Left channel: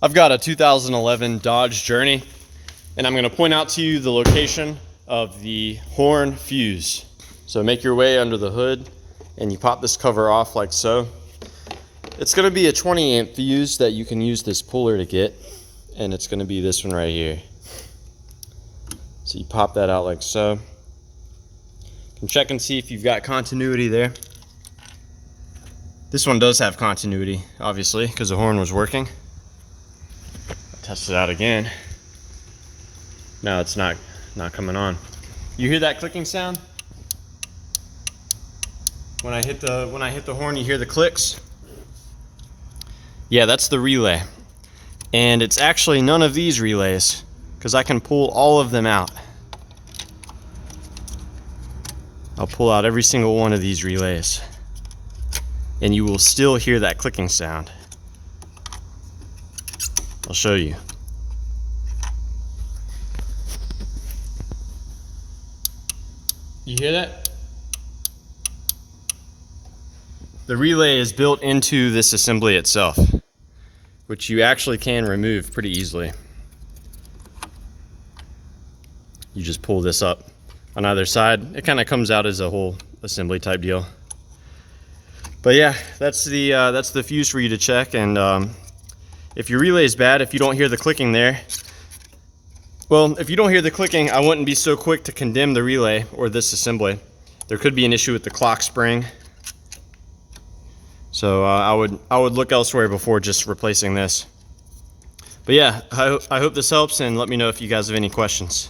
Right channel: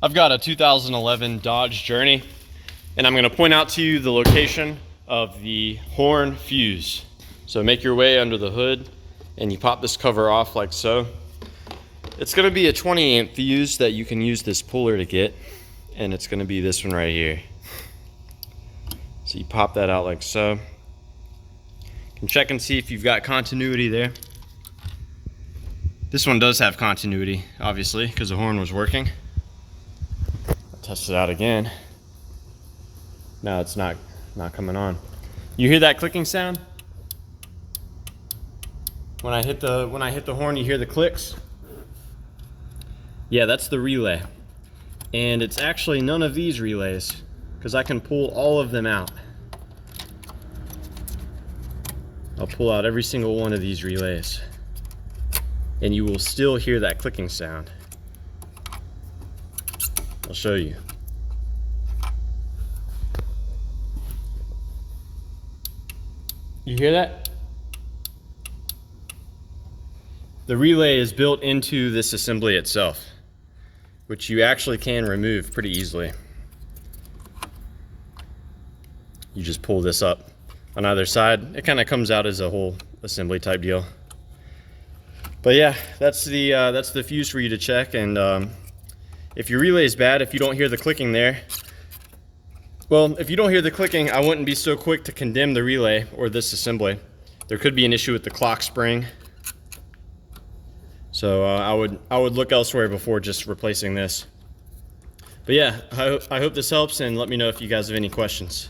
I've got a 2011 Dodge Journey, and I'm going to point out to you the location of the horn fuse. So make your way under the hood and you pop this cover off like so. It's going to be a 20 amp fuse that you can use this puller to get, and it's going to be this one right here. So you pop that out like so. You can check and see if you've got continuity there. This one does have continuity, obviously, because the horn was working. Test it out again. No, it's not coming on. You hear that clicking sound? When I hit the horn, you hear the clicks? Yeah, that's the relay. And it's actually none of these relays, because I can pull all of them out. I'll pull out every single one of these relays, and you will still hear that clicking sound. I'll show you. You hear that? The relay is built into this assembly itself, which you actually can remove pretty easily. You just pull this up on either side. It kind of comes out as a whole assembly type deal. But yeah, that's the fuse for you to check. And if your relay is bad, if you don't hear the clicking there, well, if you don't hear the clicking, I wouldn't be so quick to condemn the relay or this assembly. There could be an issue with the clock spring. So I would look elsewhere before just replacing this. But yeah, I hope this helps, and let me know if you guys have any questions.